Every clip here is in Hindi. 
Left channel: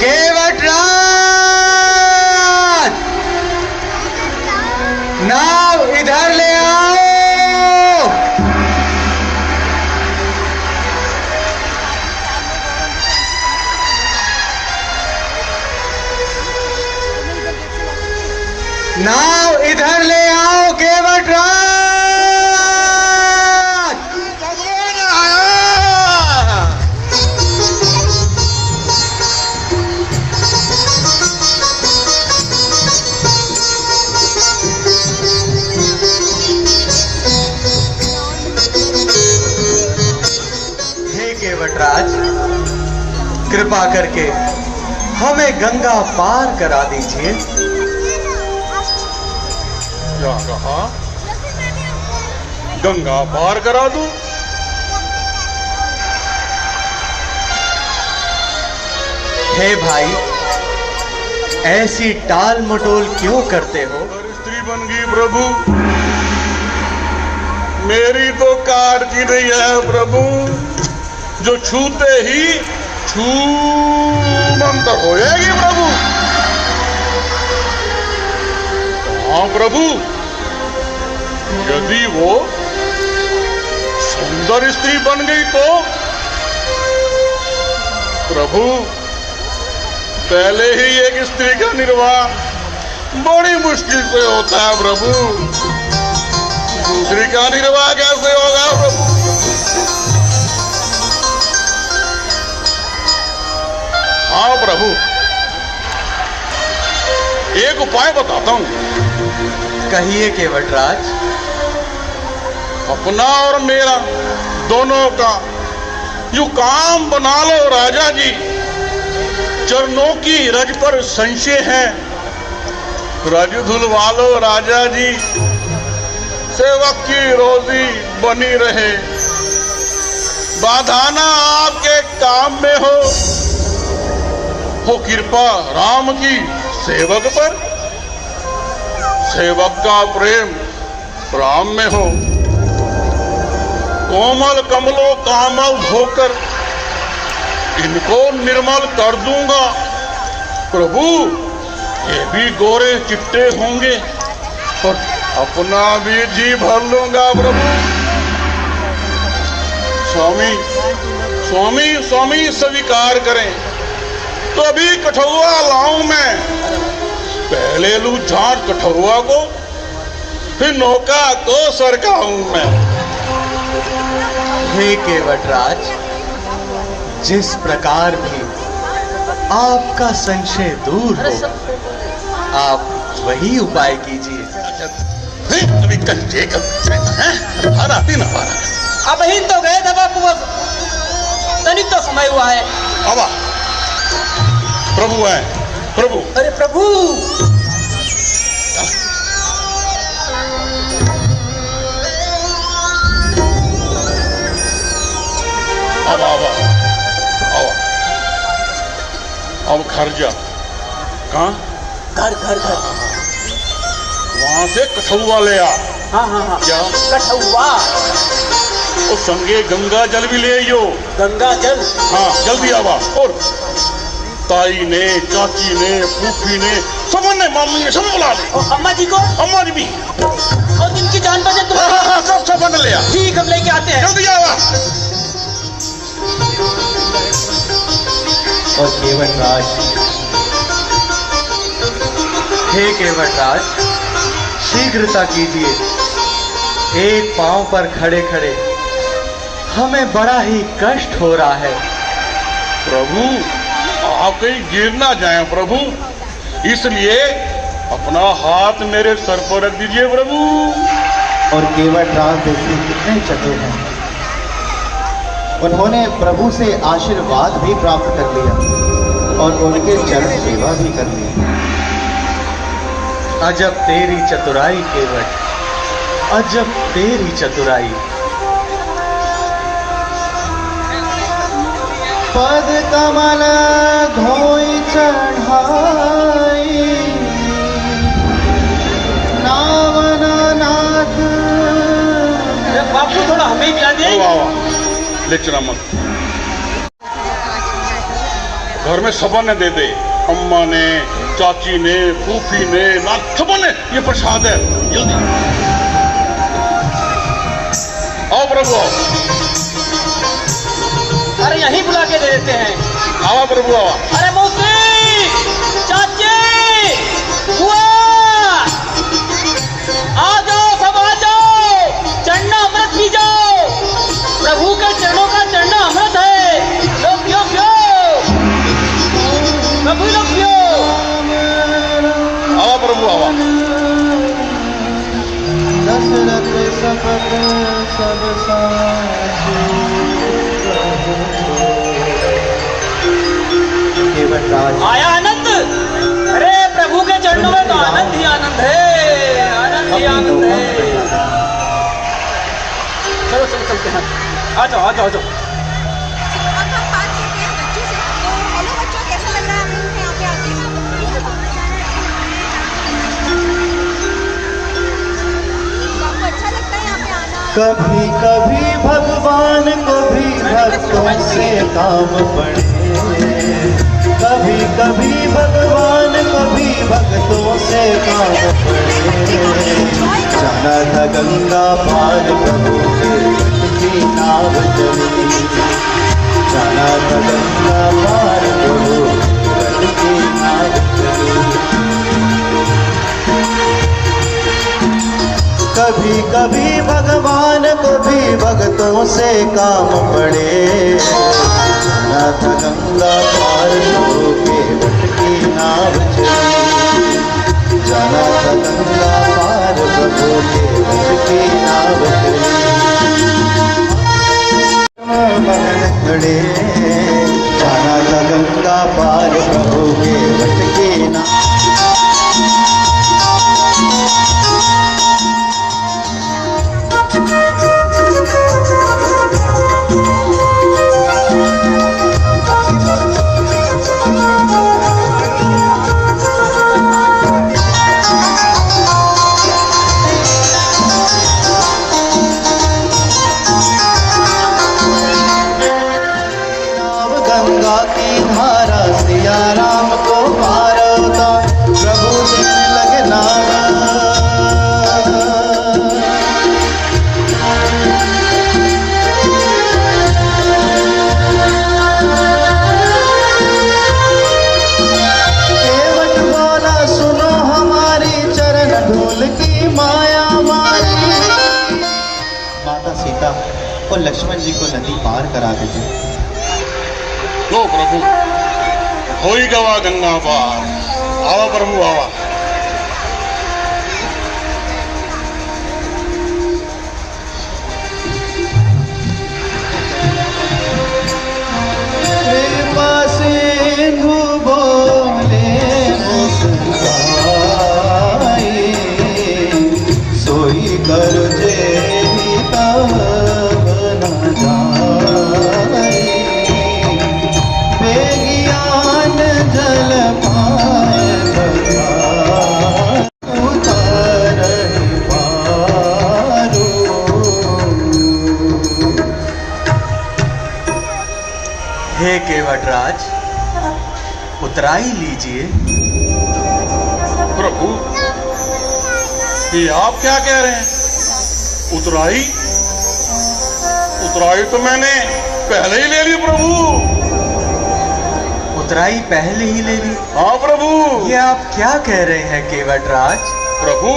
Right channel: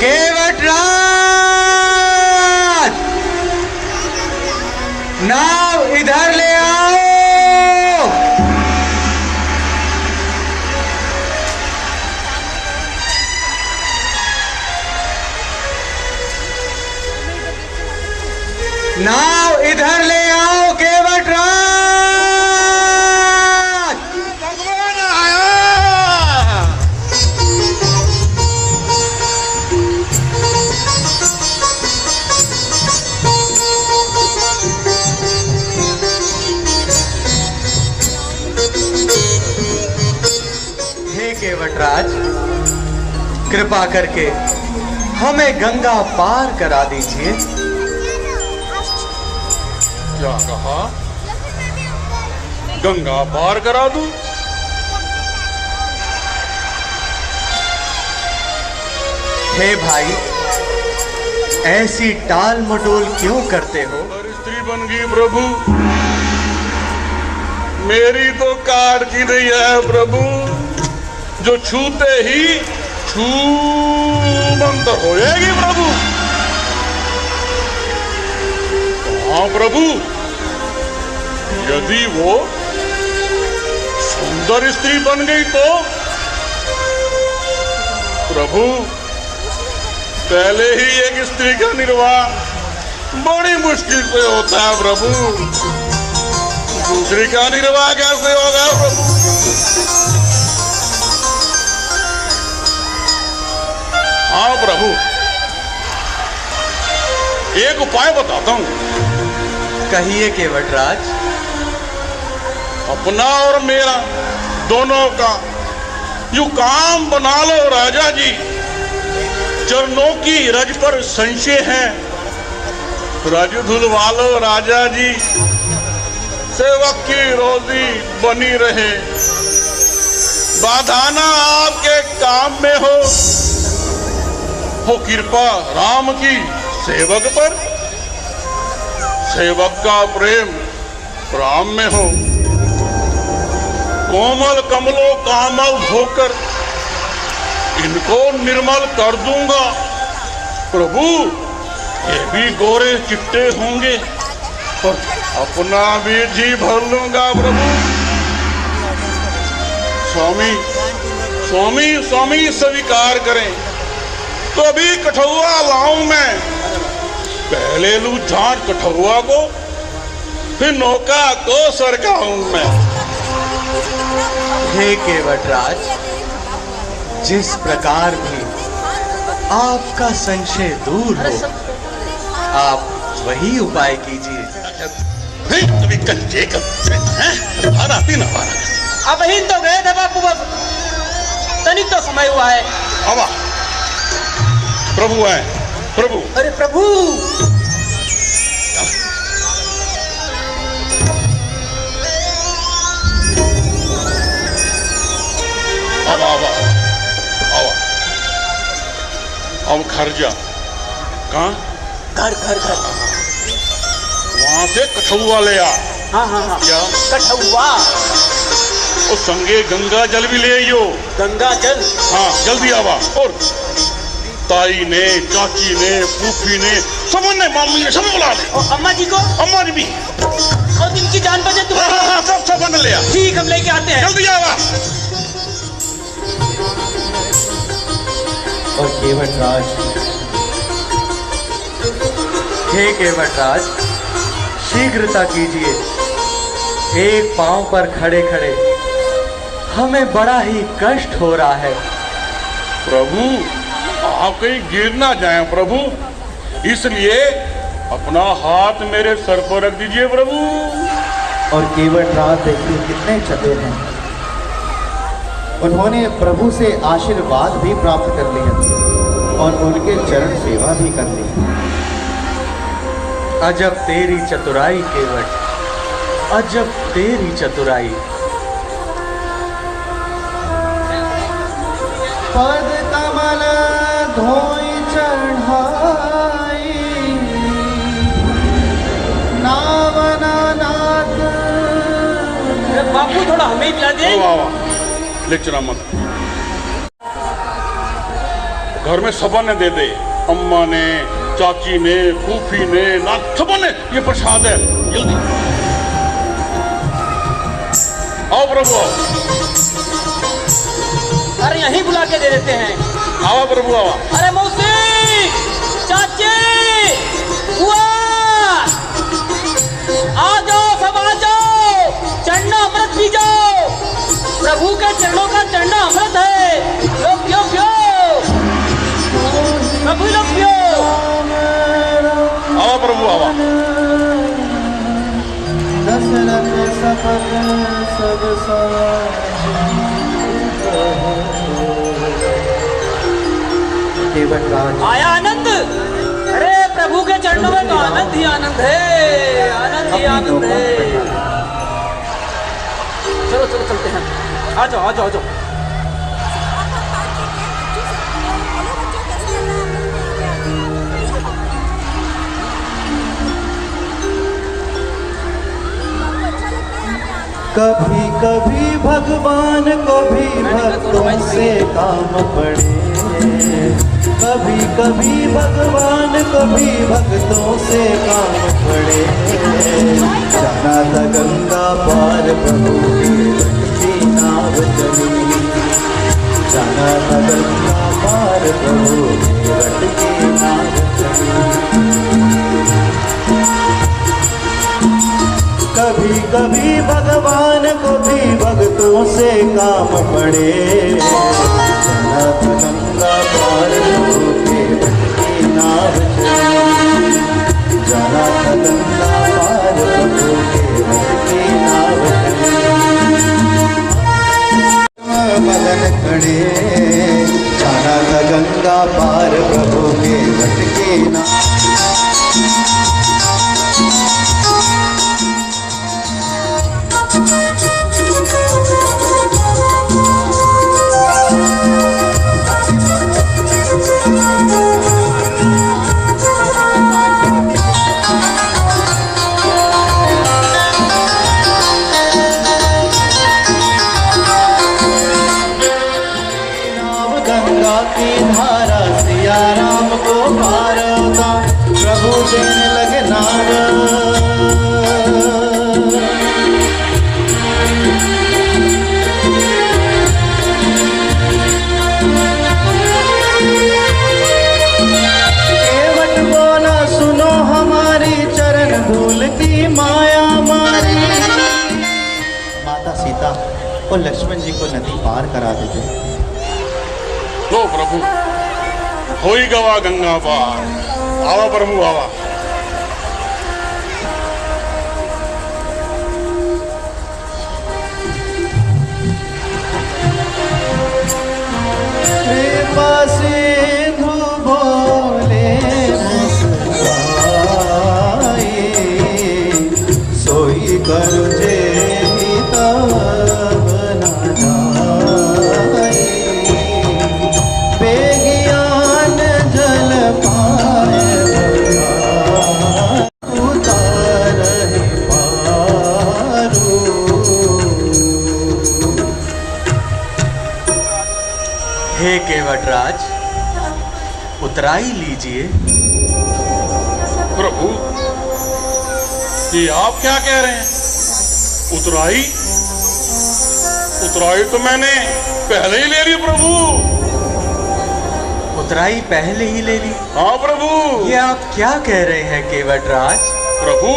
केवटराज, नाव इधर ले आओ। नाव इधर ले आओ केवटराज। केवटराज, कृपा करके हमें गंगा पार करा दीजिए। क्या कहा? गंगा पार करा दूं? हे भाई, ऐसी टाल मटोल क्यों करते हो? स्त्री बन गई प्रभु, मेरी तो कार की रही है प्रभु, जो छूते ही छूमंतर होएगी प्रभु। हाँ प्रभु, यदि वो सुंदर स्त्री बन गई तो प्रभु, पहले ही एक स्त्री का निर्वाह बड़ी मुश्किल से होता है प्रभु, दूसरी का निर्वाह कैसे होगा प्रभु? हाँ प्रभु, एक उपाय बताता हूं। कहिए केवटराज। अपना और मेरा दोनों का जो काम बना लो राजा जी, चरणों की रज पर संशय है, रज धुलवा लो राजा जी, सेवक की रोजी बनी रहे, बाधा ना आपके काम में हो कृपा राम की सेवक पर, सेवक का प्रेम राम में हो, कोमल कमलों कामल होकर इनको निर्मल कर दूंगा प्रभु। ये भी गोरे चिट्टे होंगे पर अपना भी जी भर लूंगा प्रभु। स्वामी स्वामी स्वामी स्वीकार करें तो अभी कठौआ लाऊं मैं, पहले लूं झाट कठौआ को, फिर नौका को सरकाऊं मैं। हे केवटराज, जिस प्रकार भी आपका संशय दूर हो, आप वही उपाय कीजिए। अभी कल अब ही तो गए थे बापू, तनिक तो समय हुआ है। अब प्रभु है प्रभु। अरे प्रभु, अब घर जा। कहाँ? घर घर घर वहां से कठौआ ले आ। हाँ हाँ हाँ, क्या? कठौआ और संगे गंगा जल भी ले आइयो। गंगा जल? हाँ जल्दी आवा। और ताई ने, चाची ने, फूफी ने, सबने मामू ने सब बुला ले। और अम्मा जी को? अम्मा जी भी। और इनकी जान बचे तो? हाँ सब ले आ। ठीक, हम लेके आते हैं। जल्दी आवा। और केवटराज, हे केवटराज, शीघ्रता कीजिए। एक पांव पर खड़े खड़े हमें बड़ा ही कष्ट हो रहा है। प्रभु, आप कहीं गिर ना जाएं प्रभु, इसलिए अपना हाथ मेरे सर पर रख दीजिए प्रभु। और केवटराज देखिए कितने चतुर हैं, उन्होंने प्रभु से आशीर्वाद भी प्राप्त कर लिया और उनके चरण सेवा भी कर ली। अजब तेरी चतुराई केवट, अजब तेरी चतुराई। पद कमल धोई चढ़ाई, नावन नाथ। बापू थोड़ा हमें भी ला दे। ले चला मत। घर में सबने दे दे, अम्मा ने, चाची ने, फूफी ने, ना सबने ये प्रसाद है, जल्दी आओ प्रभु आओ। अरे यहीं बुला के दे देते हैं। आओ प्रभु आओ। अरे मौसी, चाची, बुआ, आ जाओ, सब आ जाओ, चढ़ना अमृत पी जाओ। प्रभु के चरणों का चढ़ना अमृत है। लो पियो पियो, प्रभु लो पियो। आओ प्रभु आओ। केवट राज आया आनंद। अरे प्रभु के चरणों में तो आनंद ही आनंद है, आनंद ही आनंद है। चलो चलो चलते हैं। आ जाओ आ जाओ आ जाओ। हेलो बच्चों, कैसा लग रहा है आपको यहाँ पे आके? आपको अच्छा लगता है यहाँ पे आना? कभी कभी भगवान कभी भक्तों से काम पड़े, कभी कभी भगवान कभी भक्तों से काम पड़े। जाना था गंगा पार प्रभु की नाव चली, जाना था गंगा पार प्रभु की नाव चली। कभी कभी भगवान कभी भक्तों से काम पड़े, नाथ गंगा पार होके भटकी नाव चली, जाना था गंगा पार होके भटकी नाव चली। बहन खड़े, जाना था गंगा पार प्रभु के भटकी नाव। गंगा की धारा सिया राम को मारता, प्रभु देने लगे नारा। केवट बोला सुनो हमारी चरण धूल की माया मारी। माता सीता और लक्ष्मण जी को नदी पार करा देते। लो प्रभु, हो ही गवा गंगा पार। आवा प्रभु आवा। कृपा सिंधु बोले मुस्काई, सोई कर जे तब न जाई। बेगियान जल पाए भगवान, उतारहि पारू। हे केवटराज, उतराई लीजिए। प्रभु, ये आप क्या कह रहे हैं? उतराई? उतराई तो मैंने पहले ही ले ली प्रभु। उतराई पहले ही ले ली? हाँ प्रभु। ये आप क्या कह रहे हैं केवटराज? प्रभु,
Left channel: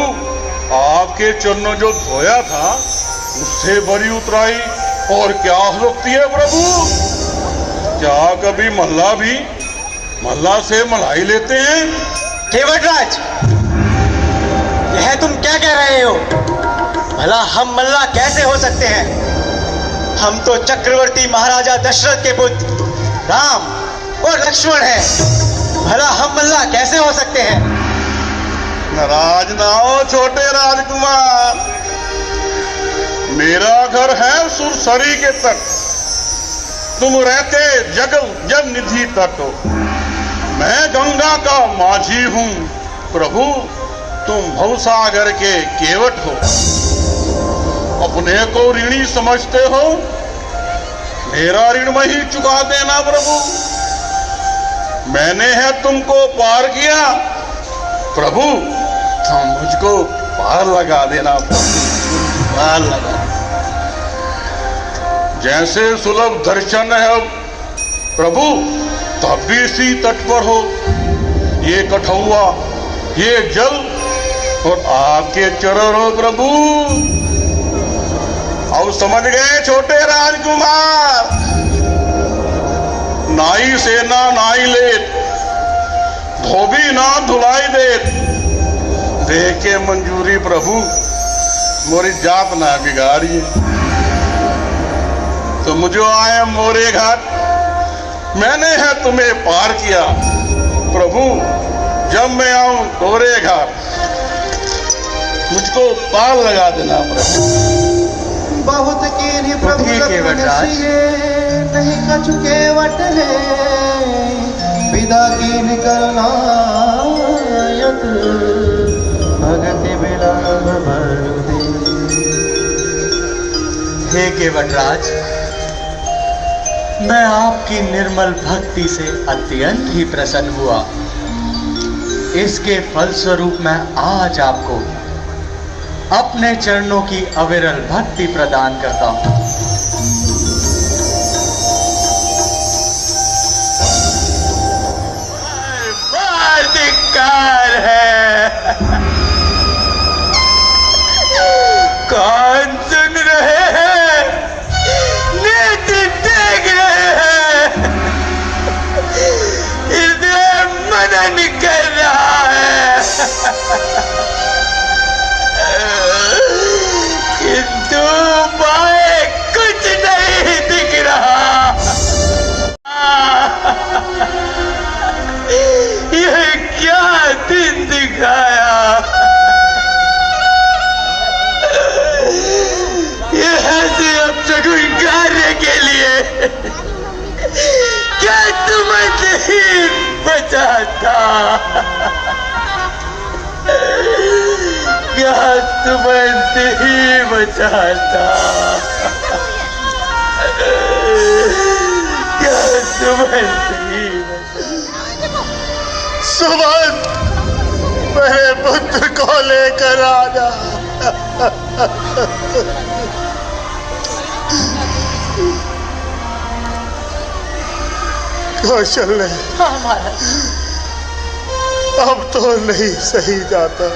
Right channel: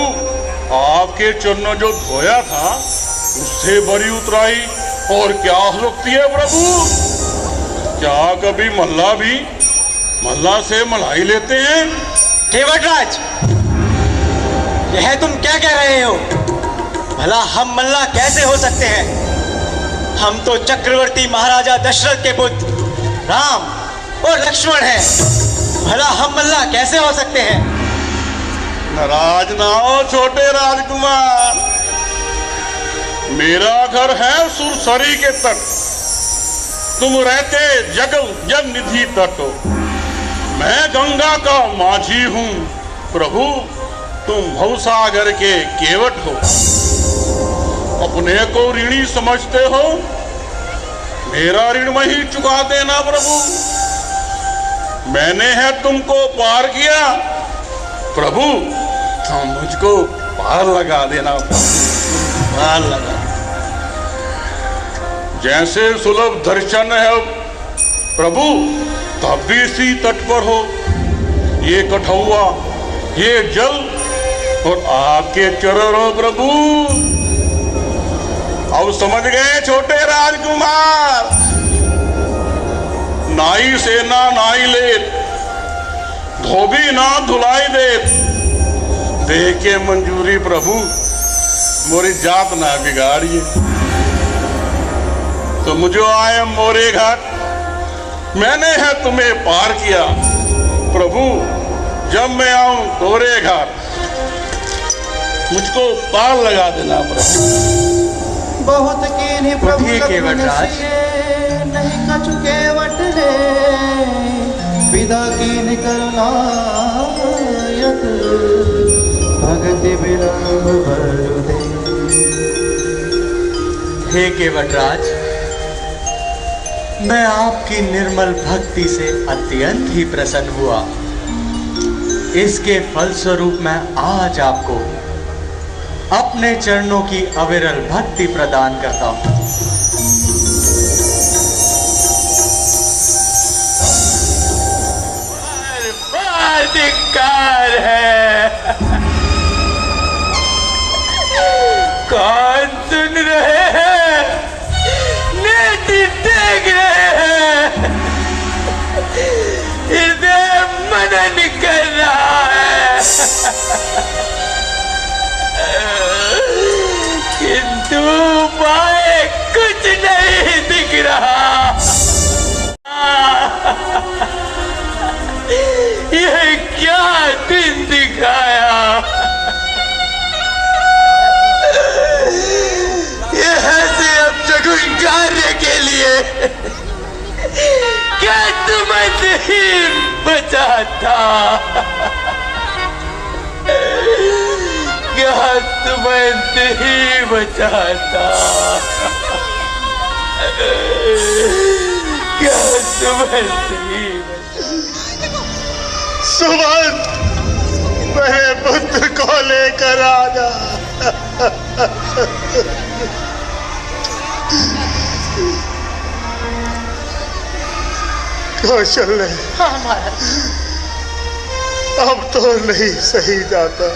आपके चरणों जो धोया था उससे बड़ी उतराई और क्या हो सकती है प्रभु? क्या कभी महला से मलाई लेते हैं? केवटराज, यह तुम क्या कह रहे हो? भला हम मल्ला कैसे हो सकते हैं? हम तो चक्रवर्ती महाराजा दशरथ के पुत्र राम और लक्ष्मण हैं। भला हम मल्ला कैसे हो सकते हैं? नाराज ना हो छोटे राजकुमार, मेरा घर है सुरसरी के तट, तुम रहते जग निधि तट। मैं गंगा का माझी हूँ प्रभु, तुम भवसागर के केवट हो। अपने को ऋणी समझते हो, मेरा ऋण वही चुका देना प्रभु। मैंने है तुमको पार किया प्रभु, तो मुझको पार लगा देना प्रभु, पार लगा। जैसे सुलभ दर्शन है प्रभु, तब भी इसी तट पर हो। ये कठौआ, ये जल और आपके चरण हो प्रभु। अब समझ गए छोटे राजकुमार, नाई सेना नाई लेत, धोबी ना धुलाई देत, दे के मंजूरी प्रभु, मोरी जाप ना बिगाड़िए। तो मुझे आए मोरे घाट, मैंने है तुम्हें पार किया प्रभु। जब मैं आऊं तोरे घाट, मुझको पार लगा देना प्रभु। बहुत कीन्ही प्रभु ठीक है वटराज। नहीं कछुके वटले, विदा कीन करना यत, भगति विरंग भर दे। हे केवटराज, मैं आपकी निर्मल भक्ति से अत्यंत ही प्रसन्न हुआ। इसके फलस्वरूप मैं आज आपको अपने चरणों की अविरल भक्ति प्रदान करता हूं। अधिकार है, कौन सुन रहे हैं, नेति देख रहे हैं, हृदय मनन कर रहा है, किंतु माए कुछ नहीं दिख रहा। यह क्या दिन दिखाया, यह से अब तक कार्य के लिए क्या तुम्हें नहीं बचा था, क्या तुम्हें नहीं बचा था, क्या तुम्हें नहीं बचा। सुमन, मेरे पुत्र को लेकर आना। कौशल्य, अब तो नहीं सही जाता।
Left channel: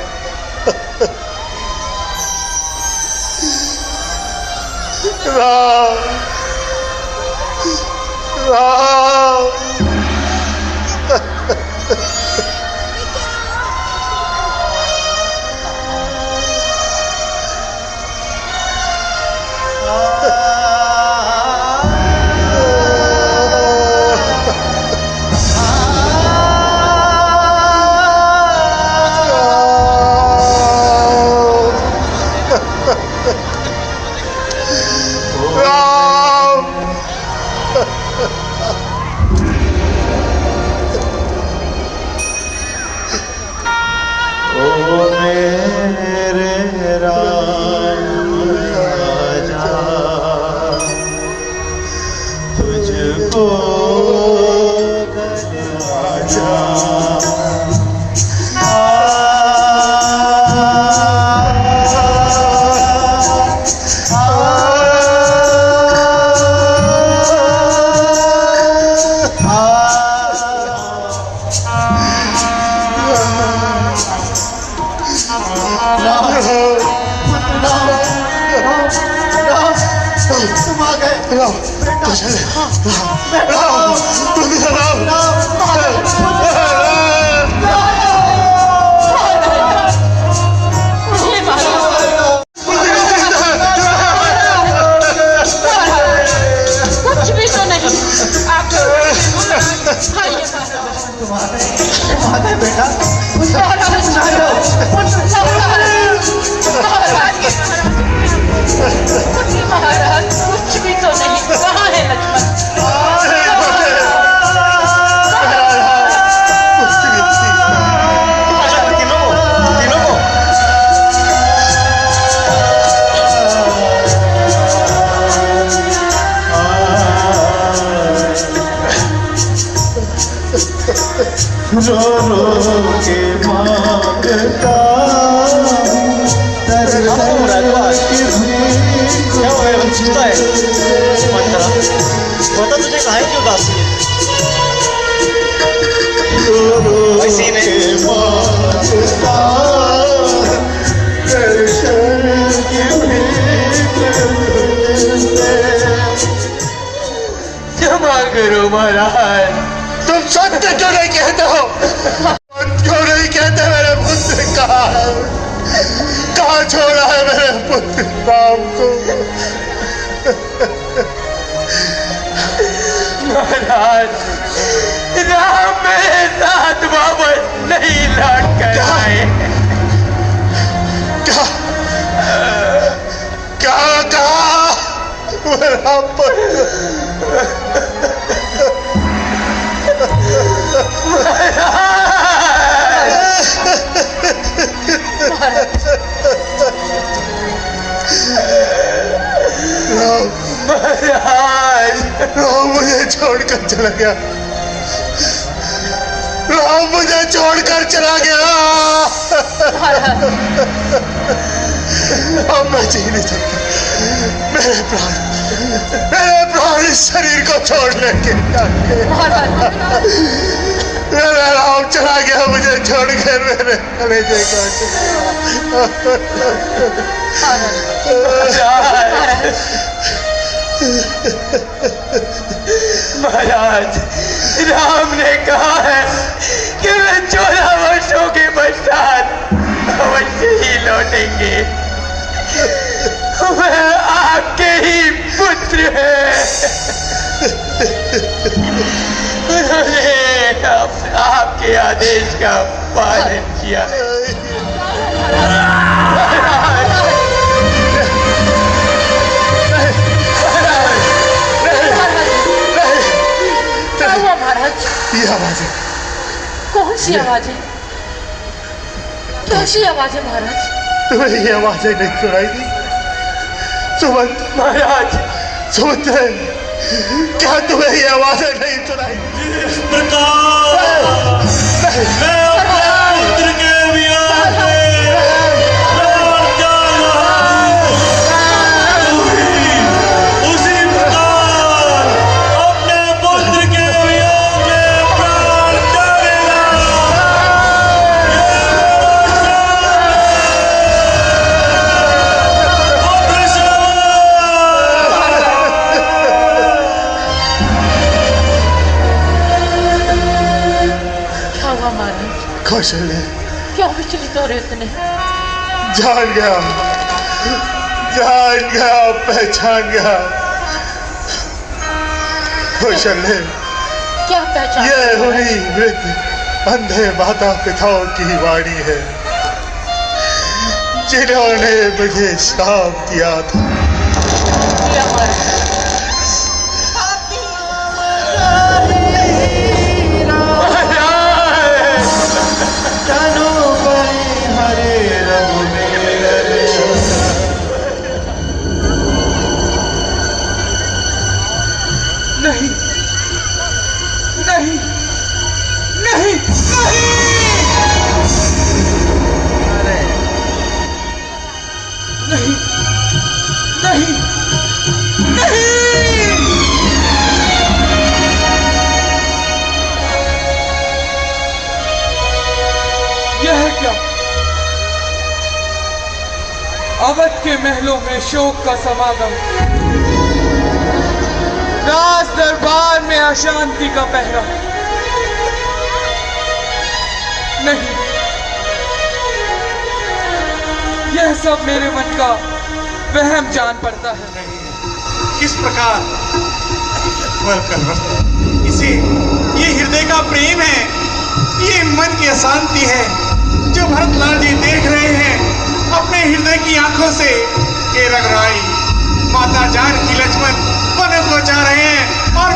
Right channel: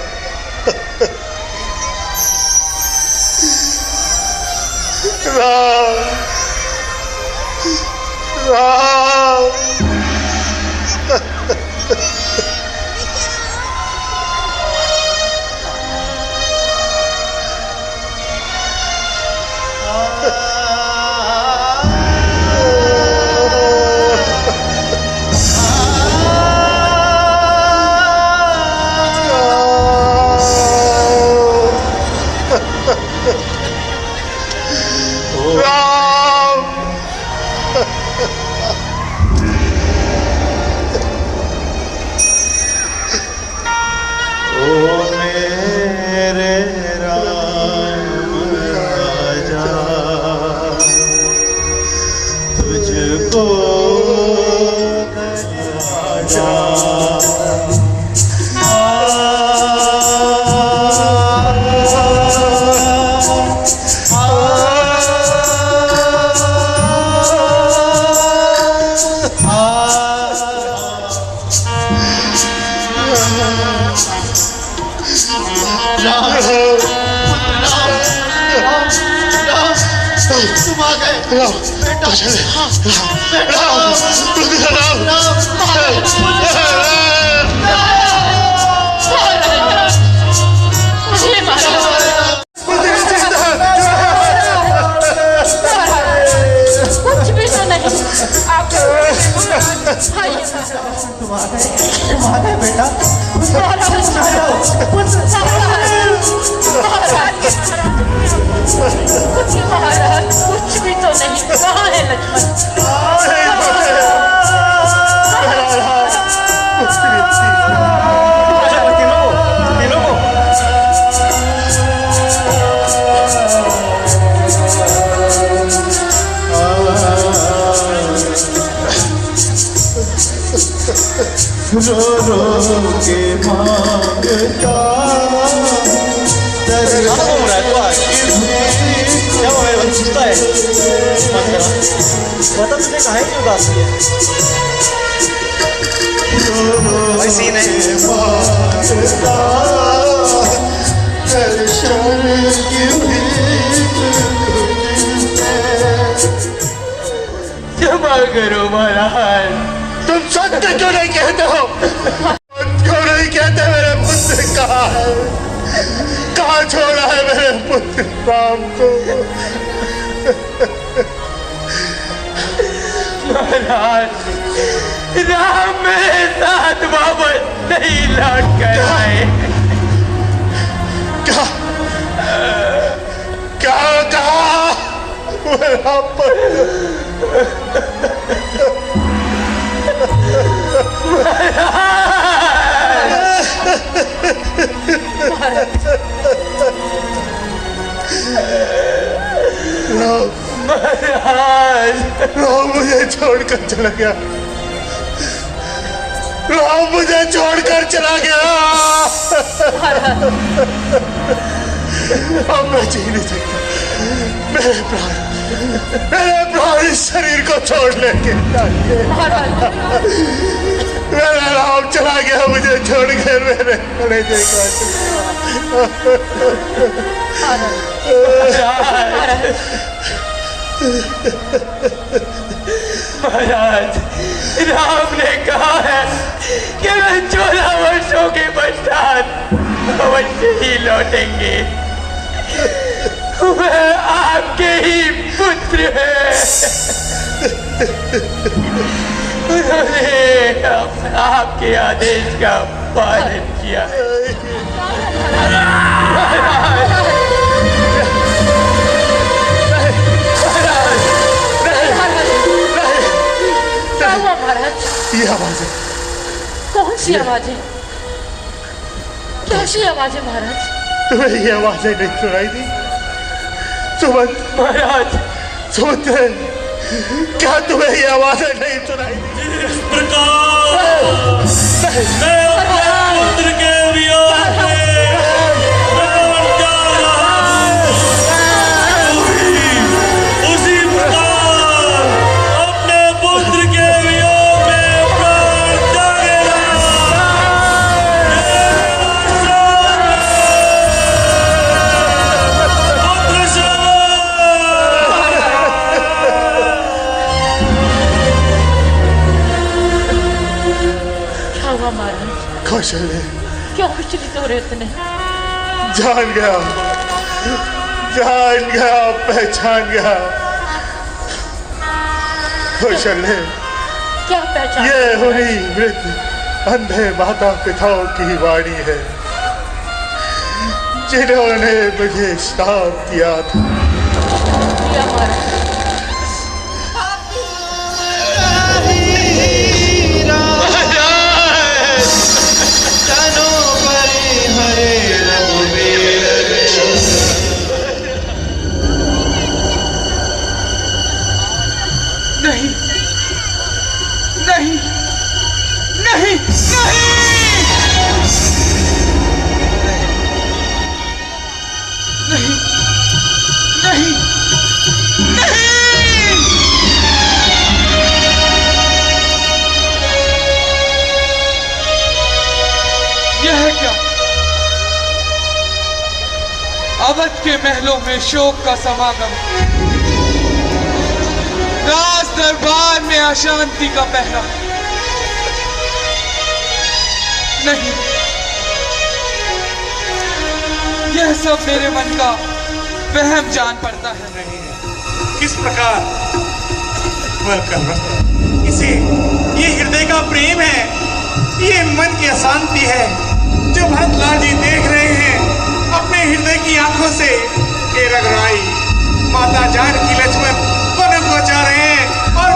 राम, राम। कुछ भी तो नहीं। महाराज कुछ भी तो नहीं, कहाँ है लक्ष्मण? रो रो के मांगता क्षमा करो महाराज। तुम सत्य क्यों नहीं कहते हो? क्यों नहीं कहते मेरे पुत्र कहाँ छोड़ा है मेरे पुत्र बाप को? महाराज, राम मेरे साथ वापस नहीं लौट कर आए। क्या क्या कहा मेरा पुत्र? राम मुझे छोड़कर चला गया। राम मुझे छोड़कर चला गया। अब मैं जी नहीं सकता। मेरे प्राण इस शरीर को छोड़ने के मेरा राम चला गया मुझे छोड़कर। मेरे कलेजे का महाराज, राम ने कहा है कि मैं 14 वर्षों के पश्चात अवश्य ही लौटेंगे। वह आपके ही पुत्र है। उन्होंने आपके आदेश का पालन किया है। ये आवाजें कौन सी आवाजें? कैसी आवाजें महाराज? तुम्हें ये आवाजें नहीं सुनाई दी? सुमन महाराज, सुमन, क्या तुम्हें ये आवाजें नहीं सुनाई दी? इस प्रकार मैं अपने पुत्र के वियोग में प्राण त्याग रहा हूं, तू भी उसी प्रकार अपने पुत्र के वियोग में प्राण त्यागेगा। पुत्र श्रवण। क्या हुआ महाराज? कौशल्य क्या विचलित हो रहे इतने? जान गया, पहचान गया। कौशल्य, क्या पहचान? ये हुई मृत अंधे माता पिताओं की वाणी है, जिन्होंने मुझे श्राप दिया था। क्या महाराज? नहीं नहीं नहीं नहीं नहीं नहीं यह क्या? अवध के महलों में शोक का समागम, राज दरबार में अशांति का पहरा। नहीं, यह सब मेरे मन का वहम जान पड़ता है। किस प्रकार इसे ये हृदय का प्रेम है, ये मन की अशांति है जो भरत लाल जी देख रहे हैं अपने हृदय की आंखों से। ये रघुराई माता जानकी लक्ष्मण वन को जा रहे हैं और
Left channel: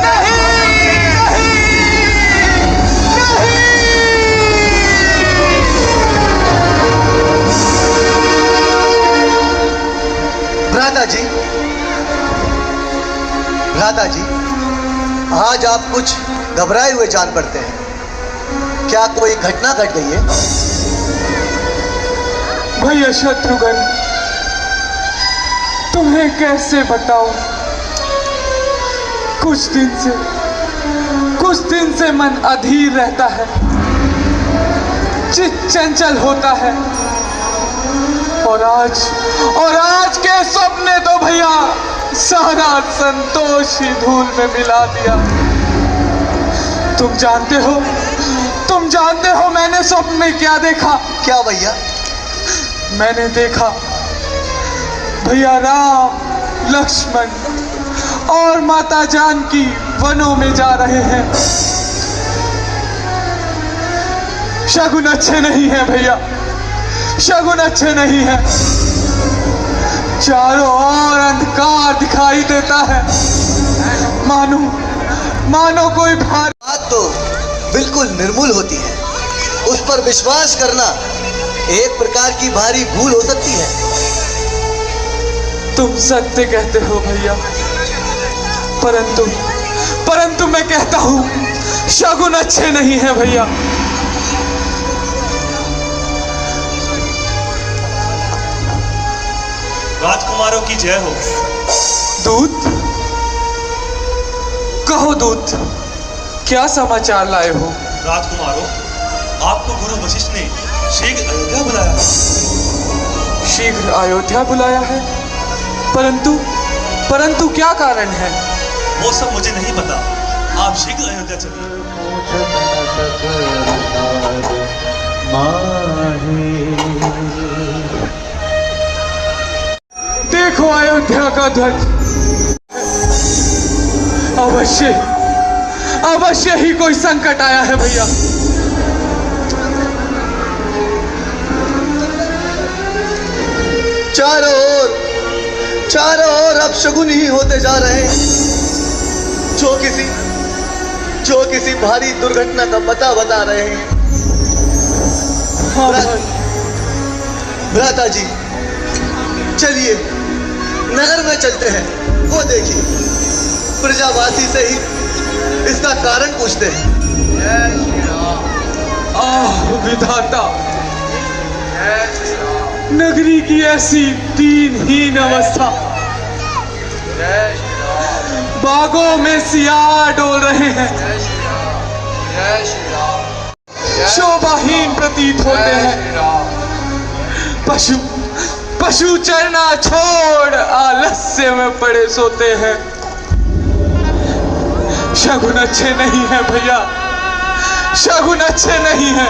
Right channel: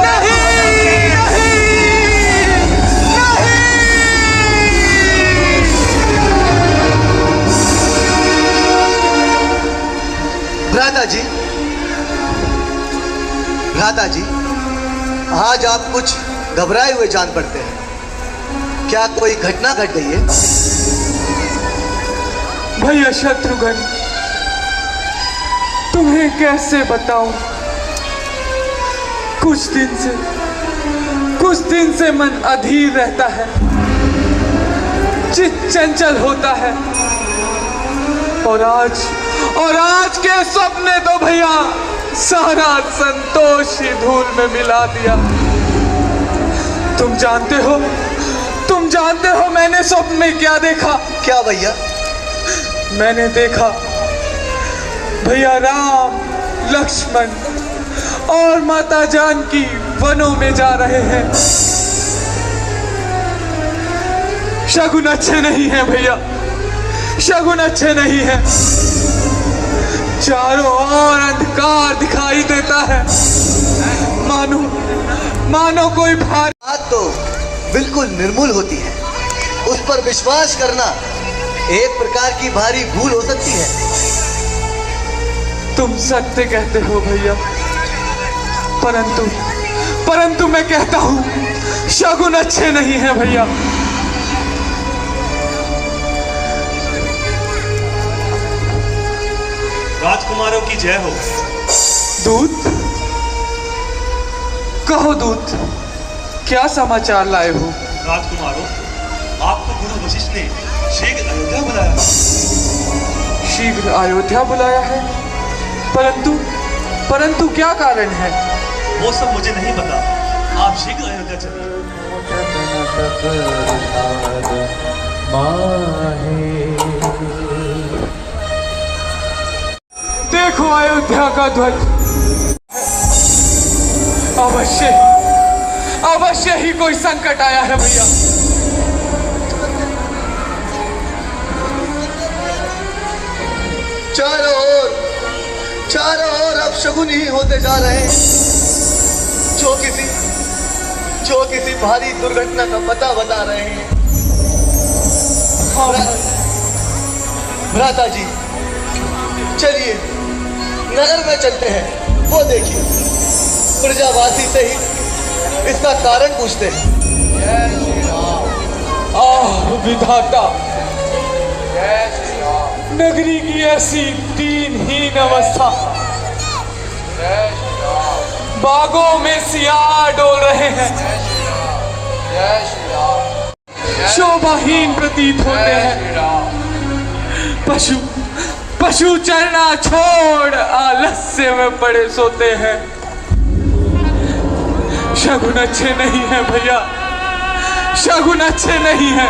राधा जी, आज आप कुछ घबराए हुए जान पड़ते हैं। क्या कोई घटना घट गई है? भैया शत्रुघ्न, तुम्हें कैसे बताऊं? कुछ दिन से मन अधीर रहता है, चित्त चंचल होता है। और आज के सपने तो भैया सारा संतोष ही धूल में मिला दिया। तुम जानते हो मैंने स्वप्न में क्या देखा? क्या भैया? मैंने देखा भैया राम, लक्ष्मण और माता जानकी वनों में जा रहे हैं। शगुन अच्छे नहीं है भैया, शगुन अच्छे नहीं है। चारों ओर अंधकार दिखाई देता है, मानो कोई भारी बात तो बिल्कुल निर्मूल होती है। उस पर विश्वास करना एक प्रकार की भारी भूल हो सकती है। तुम सत्य कहते हो भैया, परंतु मैं कहता हूं शगुन अच्छे नहीं है भैया। राजकुमारों की जय हो। दूत, कहो दूत, क्या समाचार लाए हो? राजकुमारों, आपको गुरु वशिष्ठ ने शीघ्र अयोध्या बुलाया। शीघ्र अयोध्या बुलाया है? परंतु क्या कारण है? वो सब मुझे नहीं पता। आप शीघ्र अयोध्या चलिए। देखो अयोध्या का ध्वज। अवश्य ही कोई संकट आया है भैया। चारों ओर अब शगुन ही होते जा रहे हैं। जो किसी भारी दुर्घटना का पता बता रहे हैं। भ्राता जी, चलिए नगर में चलते हैं। वो देखिए, प्रजावासी से ही इसका कारण पूछते हैं। जय श्री राम। आह विधाता, नगरी की ऐसी दीनहीन अवस्था। बागों में सियार डोल रहे हैं, शोभाहीन प्रतीत होते हैं। पशु चरना छोड़ आलस्य में पड़े सोते हैं। शगुन अच्छे नहीं है भैया, शगुन अच्छे नहीं है।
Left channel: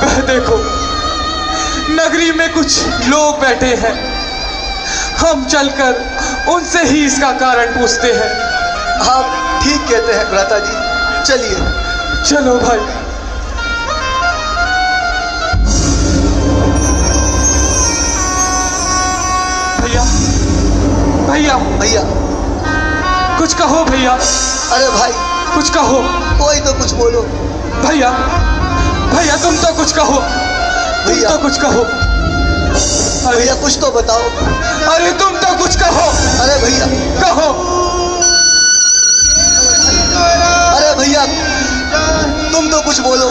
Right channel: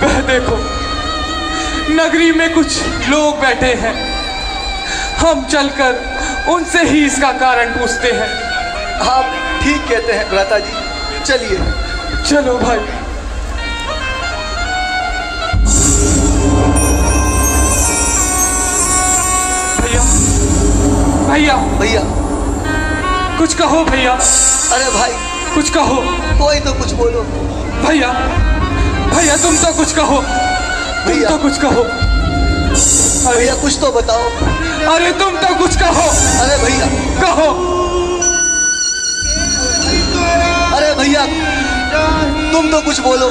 वह देखो, नगरी में कुछ लोग बैठे हैं। हम चलकर उनसे ही इसका कारण पूछते हैं। आप ठीक कहते हैं भ्राता जी, चलिए। चलो भाई। भैया कुछ कहो भैया। अरे भाई कुछ कहो, कोई तो कुछ बोलो। भैया तुम तो कुछ कहो, भैया तो कुछ कहो। भैया कुछ तो बताओ। अरे तुम तो कुछ कहो। अरे भैया कहो। अरे भैया तुम तो कुछ बोलो।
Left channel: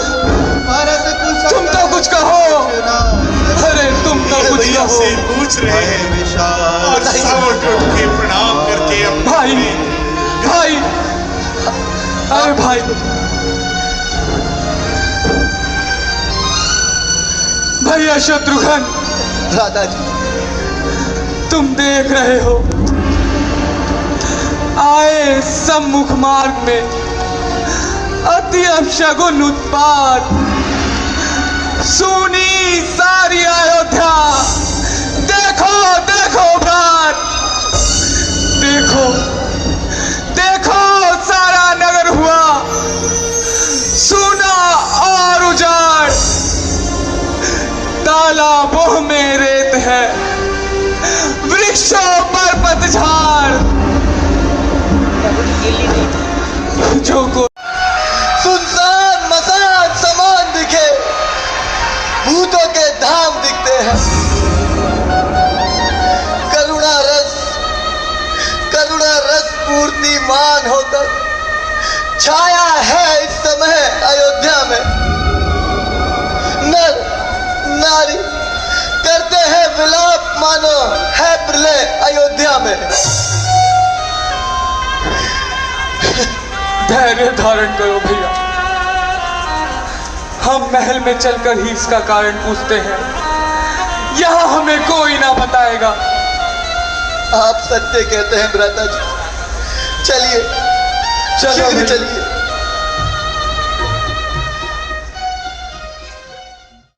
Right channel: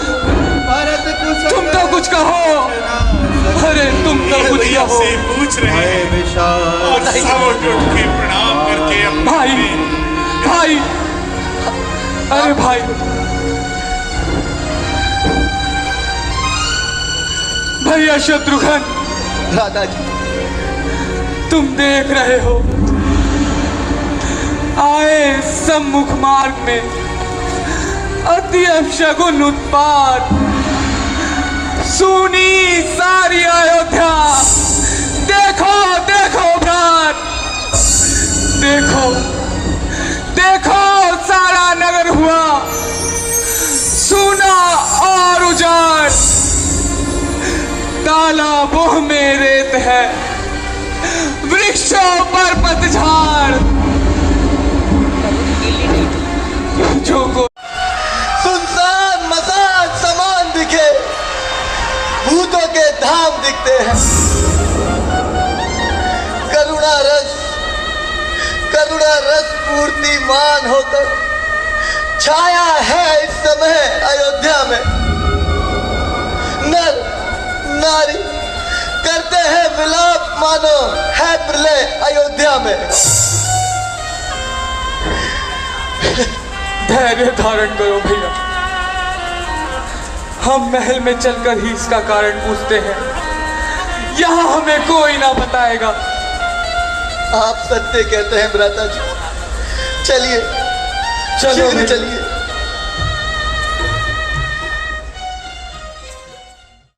तुम तो कुछ कहो। अरे तुम तो कुछ भैया कहो। से पूछ रहे हैं और सब उठ के प्रणाम करके भाई अरे भाई, भैया शत्रुघ्न, दादाजी तुम देख रहे हो, आए सम्मुख मार्ग में अति अपशगुन उत्पात। सुनी सारी अयोध्या। देखो भ्रात, देखो सारा नगर हुआ सुना और उजाड़। तालाबों में रेत है, वृक्षों पर पतझड़। जो को सुनसान मसान समान दिखे, भूतों के धाम दिखते हैं। करुणा रस पूर्तिमान होकर छाया है अयोध्या में। नर नारी करते हैं विलाप, मानो है प्रलय अयोध्या में। धैर्य धारण करो भैया, हम महल में चलकर ही इसका कारण पूछते हैं। यहाँ हमें कोई ना बताएगा। आप सत्य कहते हैं भ्राता जी, चलिए चलिए चलिए।